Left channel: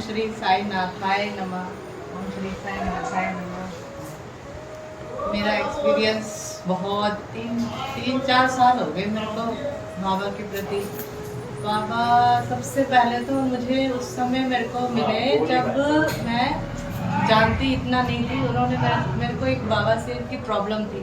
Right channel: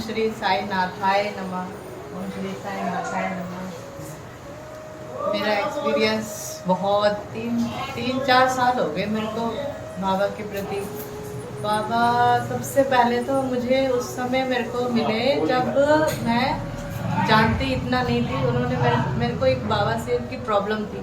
श्री साई नाथाय नमः। ओम श्री साई नाथाय नमः। मेरा एक्सपीरियंस बहुत तीन चार साल हो गए मेरे को बाबा के प्रति। बाबा सबसे पहले तो मुझे उस समय मेरे को मिले जब मैं जानती इतना नहीं थी। उन्होंने मेरे को एक बाबा से की प्रॉब्लम थी,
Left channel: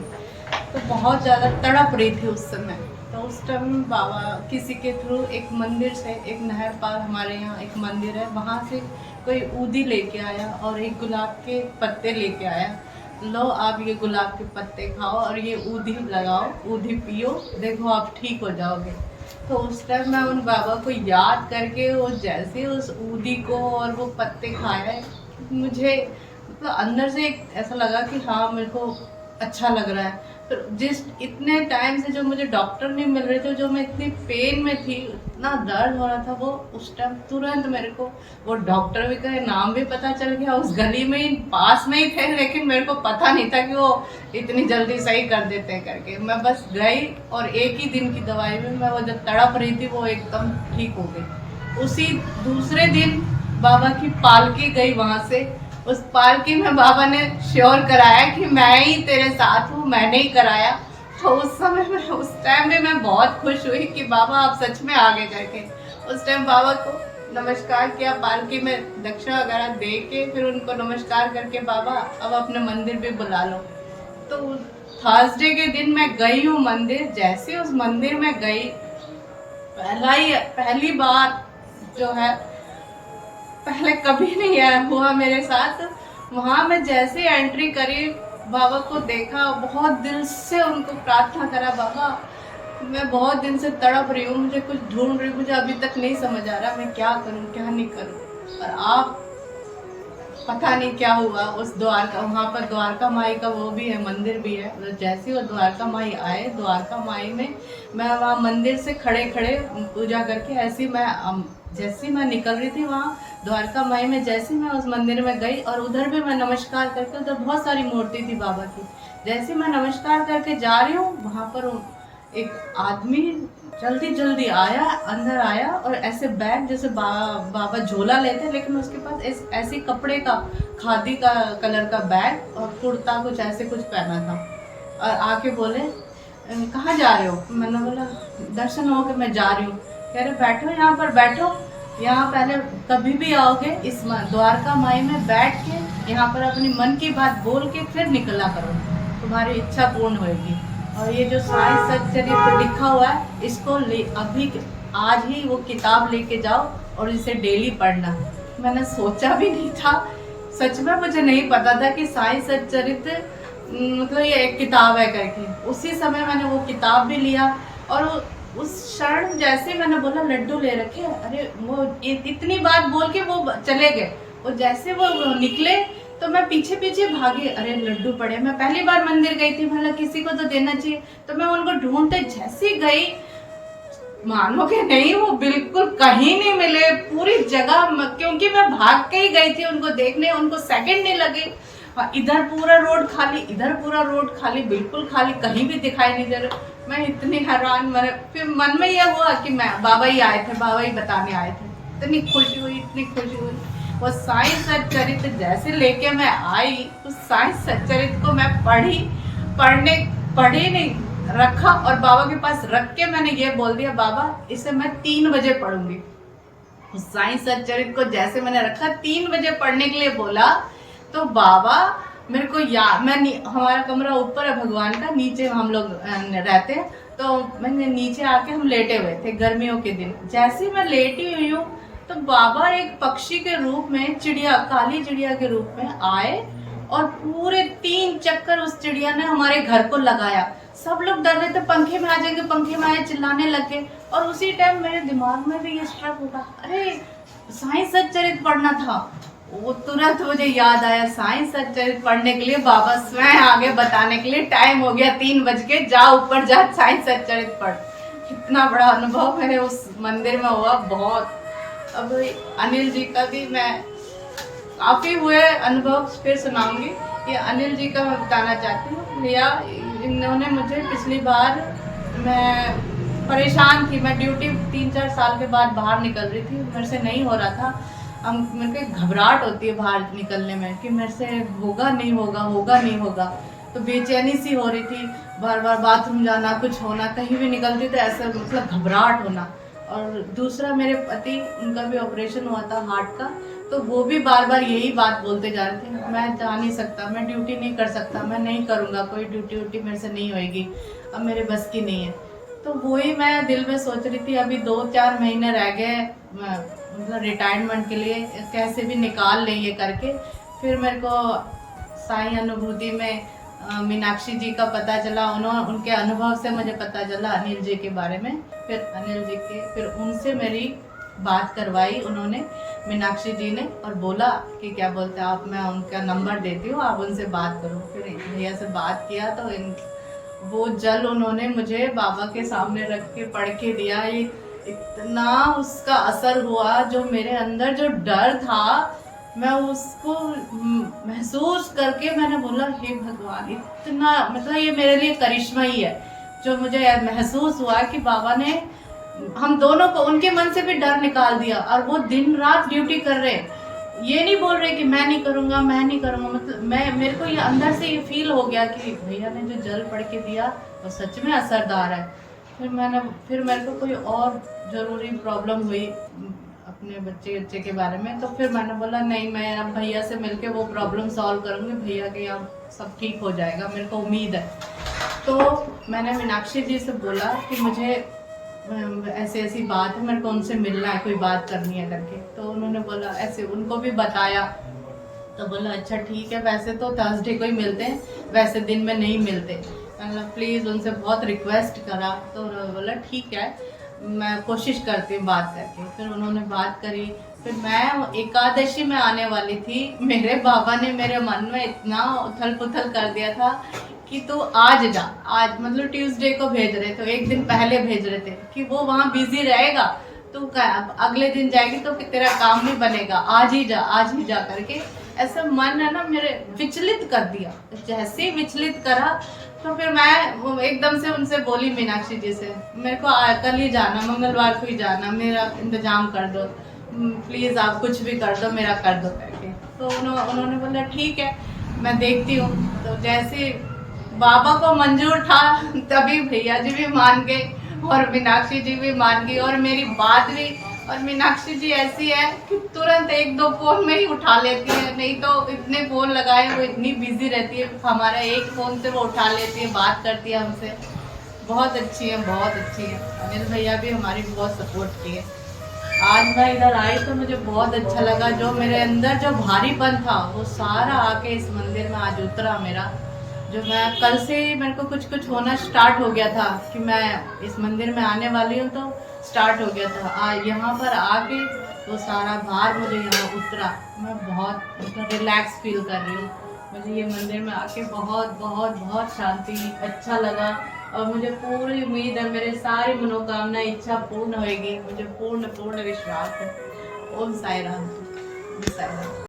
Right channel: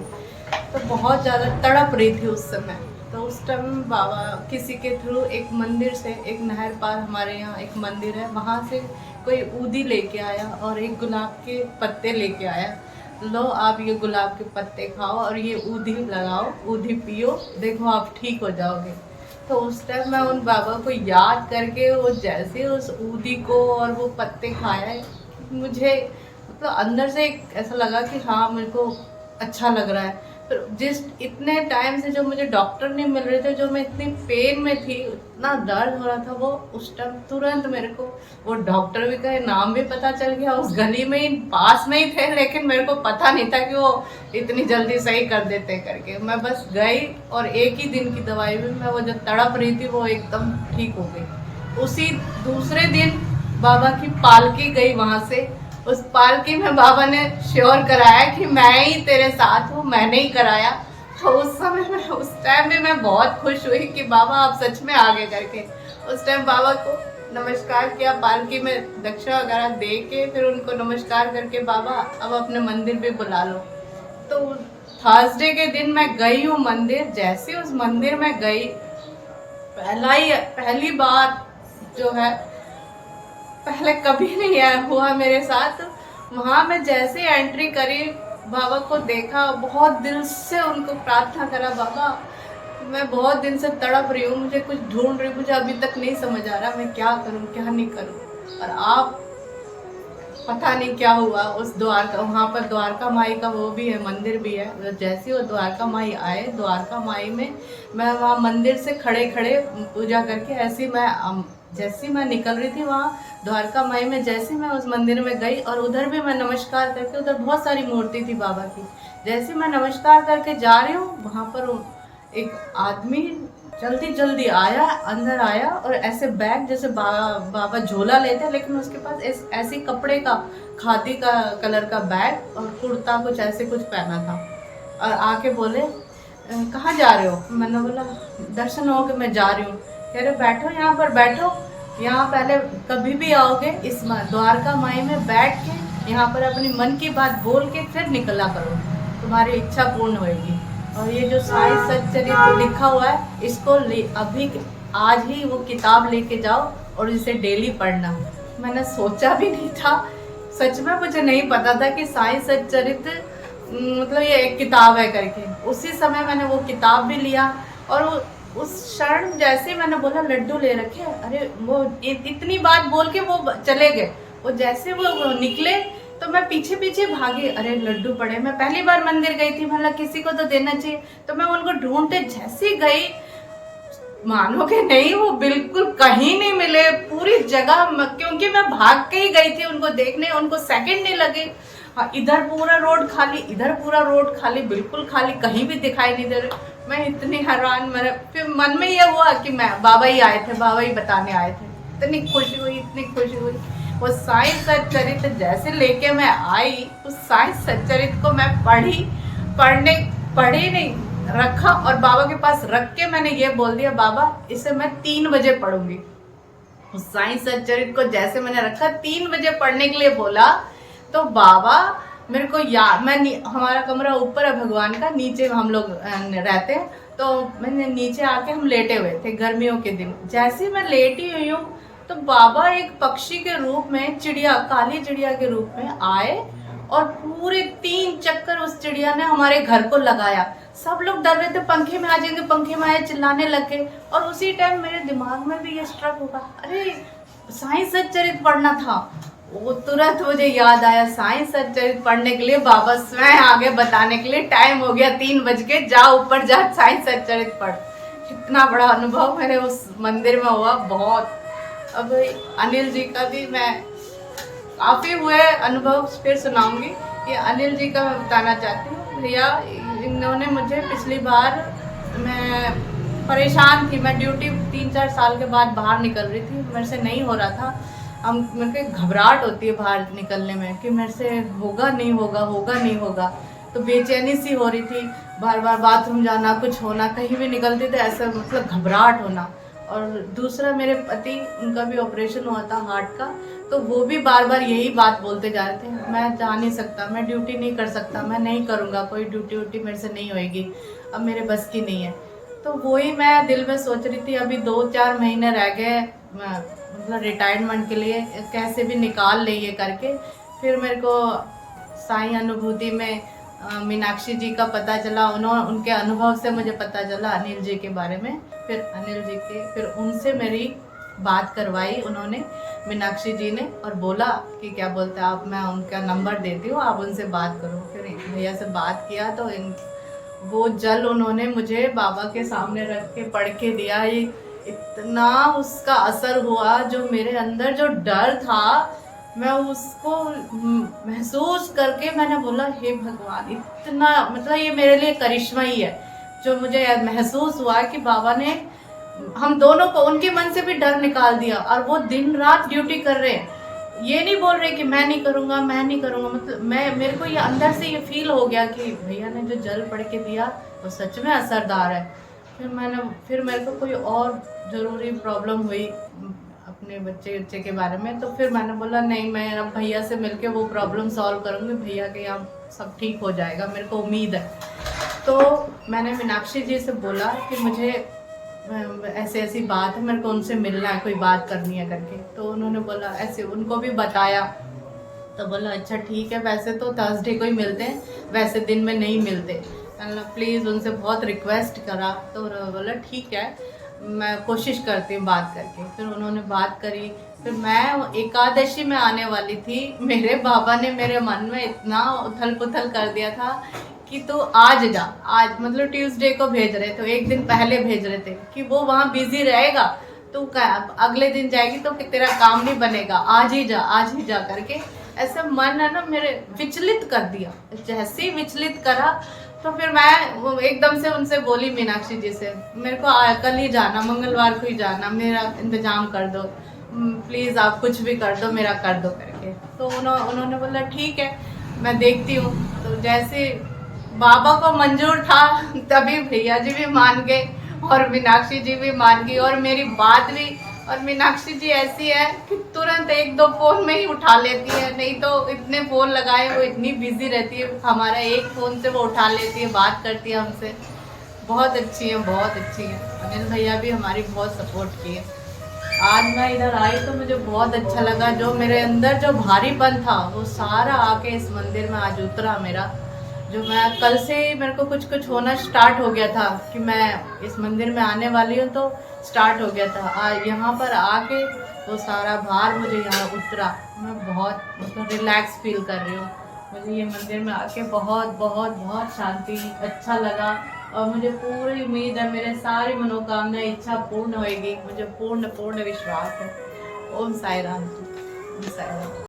तो बहुत ज़्यादा तड़प रही थी उस समय। तो उस टाइम बाबा किसी के थ्रू एक मंदिर से, एक नहर पार हमारे यहाँ एक मंदिर है, वहाँ से कोई ऊदी लेके आया और एक गुलाब के पत्ते लेके आया। लो आप ये गुलाब के पत्ते खाओ और ये ऊदी लगाओ, ऊदी पियो, देखो आप ठीक हो जाओगे। तो उस टाइम मैं उन बाबा को याद करके वो जैसे उस ऊदी को और वो पत्ते खाया, मुझे मतलब अंदर से एक ऐसा लगा कि हाँ मेरे को अच्छा लग रहा है। फिर जिस इतने टाइम से जो मुझे डॉक्टर नहीं मिल रहे थे, जो मैं इतनी पेन में थी, इतना दर्द हो रहा था, वो उस टाइम तुरंत मेरे को वो डॉक्टर भी का नाम भी पता चल गया। उस गली में ही पास में ही थे, लेकिन मेरे को पता नहीं था कि वो इतनी जल्दी सही कर देते करके। मैं बस गई और एक ही दिन की दवाई में मैं वो जो तड़प रही थी वो एकदम ठीक हो गई। उसी दूसरे दिन बाबा की पालकी गई वहां से। उस पालकी में बाबा ने श्योर कराया कि मैं ही तेरे साथ हूँ, मैंने ही कराया। तो उस समय में उस टाइम भी मैं बहुत खुश हुई कि बाबा आप सच में आगे करके। उस टाइम बाबा को नमस्कार किया, पालकी में दक्षिणा वगैरह दे के फिर उनको नमस्कार करके, बाबा अब अपने मंदिर भी बुला लो। तो थर्सडे के दिन मैं गई हूँ मंदिर। जैसे उस मंदिर में गई, पहली बार जो है, पहले कभी नहीं आया हुआ मेरे साथ। वहां मैं जैसे एंट्री करी, बाबा को देखा, बहुत दिल से उनको प्रार्थना करा, बाबा मैं बहुत दिन से तड़प रही हूँ, मुझे कुछ ढूंढ रही हूँ, मुझे अभी तक नहीं समझ आ रहा मैं क्या करूँ क्या नहीं करूँ। और आप पता नहीं क्या हुआ उस द्वारका, वहाँ पर द्वारका माई का वो भी है, मंदिर भी है। जैसे वो द्वारका माई आए, द्वारका माई में मैं वहाँ मंदिर से खड़े खड़े पूजा करके ऐसी जैसी मैं निकल रही थी वहाँ द्वारका माई में, जैसे मैं उस मंदिर में गई और उधर भी मैं नमस्कार करके, उधर बहुत सारी मूर्ति थी बाबा की, जैसे मैं नमस्कार करके जा रही हूँ, वहाँ पर एक आदमी जल्दी जल्दी आया, अंदर आया और ऐसे बैग जैसे बाबा झोला लेते हैं, लेकिन उसके पास ऐसी कपड़े का, खादी का कलर का बैग और कुर्ता कुछ ऐसे कुछ पहना था। और आके बोले कहाँ जा रहे हो? मैंने बोला दर्शन हो के मैं जा रही हूँ। कह रहे बैठो यहाँ पर, बैठो, यहाँ पहले कभी भी आओगे इस द्वारका माई में बैठ के यहाँ पर अपनी मन की बात बोल के फिर निकला करो, तुम्हारी इच्छा पूर्ण होगी। और ये जो साई सच्चरित्र लिखा हुआ है, इसको अभी आज ही वो किताब लेके जाओ और इसे डेली पढ़ना। मैंने सोचा भी नहीं था, सच में मुझे नहीं पता था कि साई सच्चरित्र मतलब ये एक किताब है करके। उसी समय मैंने वो किताब भी लिया और उस क्षण जैसे मैंने बोला लड्डू ले रखे, अरे वो इतनी बात बोल के वो चले गए। वो जैसे वो निकले तो मैं पीछे पीछे भागी, अरे लड्डू पड़े। मैं पहली बार मंदिर गई थी, मतलब किसी को तो देना चाहिए, तो मैं उनको ढूंढते जैसी गई, मानोगे नहीं वो बिल्कुल कहीं नहीं मिले पूरी जगह, क्योंकि मैं भाग के ही गई थी उनको देखने, उनको सेकंड नहीं लगे। इधर पूरा रोड खाली, इधर पूरा रोड खाली, बिल्कुल खाली, कहीं भी दिखाई नहीं दे रहे। मैं इतनी हैरान, मेरे फिर मन में ये हुआ कि मैं बाबा ही आए थे, बाबा ही बताने आए थे। इतनी खुशी हुई, इतनी खुशी हुई। वो साई सच्चरित्र जैसे लेके मैं आई, उस साई सच्चरित्र को मैं पढ़ी नहीं, रखा और बाबा के पास रख के मैंने ये बोल दिया, बाबा इसे मैं 3 बजे पढ़ूंगी। उस साई सच्चरित्र को जैसे मैंने रखा, 3 बजे पढ़ने के लिए बोला, तो बाबा मेरे को हमारा कमरा ऊपर है भगवान का, नीचे हम लोग रहते हैं, तो मैंने नीचे आके हम लेटे हुए थे गर्मियों के दिन। जैसे मैं लेटी हुई हूँ तो बाबा एक पक्षी के रूप में, चिड़िया, काली चिड़िया के रूप में आए और पूरे 3 चक्कर उस चिड़िया ने हमारे घर को लगाया। सब लोग डर रहे थे पंखे में आ जाएंगे, पंखे में आए, चिल्लाने लगे। और उसी टाइम मेरे दिमाग में भी ये स्ट्रक होगा, अरे साई सच्चरित्र पढ़ना था। वो तुरंत मुझे याद आया, साई सच्चरित्र पढ़ने के लिए बाबा स्वयं आगे बताने के लिए, टाइम हो गया 3 बज के, जा ऊपर जा साई सच्चरित्र पढ़। इतना बड़ा अनुभव मेरे उस मंदिर में हुआ, बहुत। अब अनिल जी का भी मैं काफी हुए अनुभव फिर सुनाऊंगी। ये अनिल जी का मैं बताना चाहती हूँ। भैया इन्होंने मुझे पिछली बार, मैं परेशान थी, मैं ड्यूटी 3-4 साल के बाद बाहर निकल रही थी, मेरे से नहीं हो रहा था, हम मेरे को एक घबराहट होती है बाहर निकलने में कि मेरे से होगा नहीं होगा, होगा नहीं होगा। तो बेचैनी सी हो रही थी, बार बार बाथरूम जाना, कुछ होना, कहीं भी निकलती तो ऐसा मतलब घबराहट होना। और दूसरा मेरे पति, उनका भी ऑपरेशन हुआ था हार्ट का, तो वो भी बार बार यही बात बोलते जा रहे थे, मैं जा नहीं सकता, मैं ड्यूटी नहीं कर सकता, मैं नहीं करूँगा, कोई ड्यूटी व्यूटी मेरे से नहीं होएगी, अब मेरे बस की नहीं है। तो वही मैं दिल में सोच रही थी, अभी 2-4 महीने रह गए मतलब रिटायरमेंट के लिए, कैसे भी निकाल ले ये करके। फिर मेरे को साई अनुभूति में मीनाक्षी जी का पता चला, उनके अनुभव से मुझे पता चला अनिल जी के बारे में। फिर अनिल जी के, फिर उनसे मेरी बात करवाई उन्होंने, मीनाक्षी जी ने, और बोला कि क्या बोलते हैं आप, मैं उनका नंबर देती हूँ, आप उनसे बात करो। फिर भैया से बात किया तो वो जल उन्होंने मुझे बाबा के सामने रख के पढ़ के दिया। ये इतना उसका असर हुआ, जो मेरे अंदर जो डर था मैं उसको महसूस करके मैंने बोला, हे भगवान, इतना मतलब ये मेरे लिए करिश्मा ही है। जो मुझे महसूस हुआ कि बाबा ने हम दोनों को, उनके मन से भी डर निकाल दिया, और वो दिन रात ड्यूटी कर रहे हैं, ये नहीं बोल रहे कि मैं नहीं करूंगा, मैं नहीं करूंगा। मतलब मेरे को ये अंदर से ये फील हो गया कि भैया ने जो जल पढ़ के दिया वो सच में असरदार है। फिर मेरे को कोई और जरूरी प्रॉब्लम हुई अपने बच्चे के बारे में, तो फिर मैंने बोला नहीं, मैं अब भैया से मिलके वो प्रॉब्लम सॉल्व करूंगी, भैया के यहाँ सब ठीक हो जाएगा, मेरे को उम्मीद है। तो मैंने मीनाक्षी जी से बोला कि मुझे ऐसी ऐसी बात है, मेरे को उनसे मिलना है, कोई बात करनी है करके। तो उन्होंने बोला, ऐसे उनको भी बताया, तो बोला अच्छा ठीक है, वैसे तो थर्सडे को ही मिलते हैं, वैसे दिन में नहीं मिलते, मतलब प्लीज़ उनसे बहुत रिक्वेस्ट करा। तो उन्होंने बोला ठीक है, मैं कोशिश करती हूँ बात करके। फिर उन्होंने बात करी। फिर मैं एकादशी में आने वाली थी, मेरे बाबा ने मेरे मन में इतना उथल पुथल कर दिया था कि तू आज जा, आज मतलब ट्यूसडे को भेज रहे, तो एक दिन पहले भेज रहे थे कि वो वहाँ बिजी रहेगा, तू अगले दिन जाएगी तो कि तेरा काम नहीं बनेगा, आज ही जा, आज ही जा करके। ऐसे मन है ना मेरे विचलित कर दिया। जैसे ही विचलित करा तो फिर मैं एकदम से उनसे बोली मीनाक्षी जी से, मेरे को कल ही जाना, मंगलवार को ही जाना, मेरा इंतजाम कर दो प्लीज़, आप कुछ भी कर दो, मेरा कर दो करके। तो उन्होंने बोला ठीक है, मैं देखती हूँ। तो जैसे बाबा को मंजूर था तभी भैया जी भी मान गए और मीनाक्षी जी भी मान गई, और मेरी बात भी। और मीनाक्षी जी ऐसी है कि तुरंत 1-2 फोन में ही उठा लेती है, नहीं तो इतने फोन लगाए, वो इतनी बिजी रहती है, हमारा एक फोन से वो उठा लेती है, बात करती है हमसे। बहुत अच्छी है, बहुत अच्छी है। अनिल भैया भी हमारी बहुत सपोर्ट की है। आज मैं इधर आई तो मुझे बहुत अच्छा लगा, जो मेरे अंदर जो भारीपन था वो सारा आके इस मंदिर में आज उतरा मेरा। जो मैं कल से मेरे को कुछ कुछ होना स्टार्ट हो गया था कि मैं इस मंदिर में आने वाली हूँ, तो स्टार्ट हो गया था। आज यहाँ पर आके वो सारा भार मुझे यहाँ उतरा, मैं बहुत मतलब रिलैक्स फील कर रही हूँ। मुझे ये मंदिर में आके बहुत बहुत बहुत शांति, अच्छा लगा, और मुझे पूरी उम्मीद है मेरे सारी मनोकामना इच्छा पूर्ण होएगी, मुझे पूर्ण पूर्ण विश्वास है। ओम साई राम। ओम साई राम।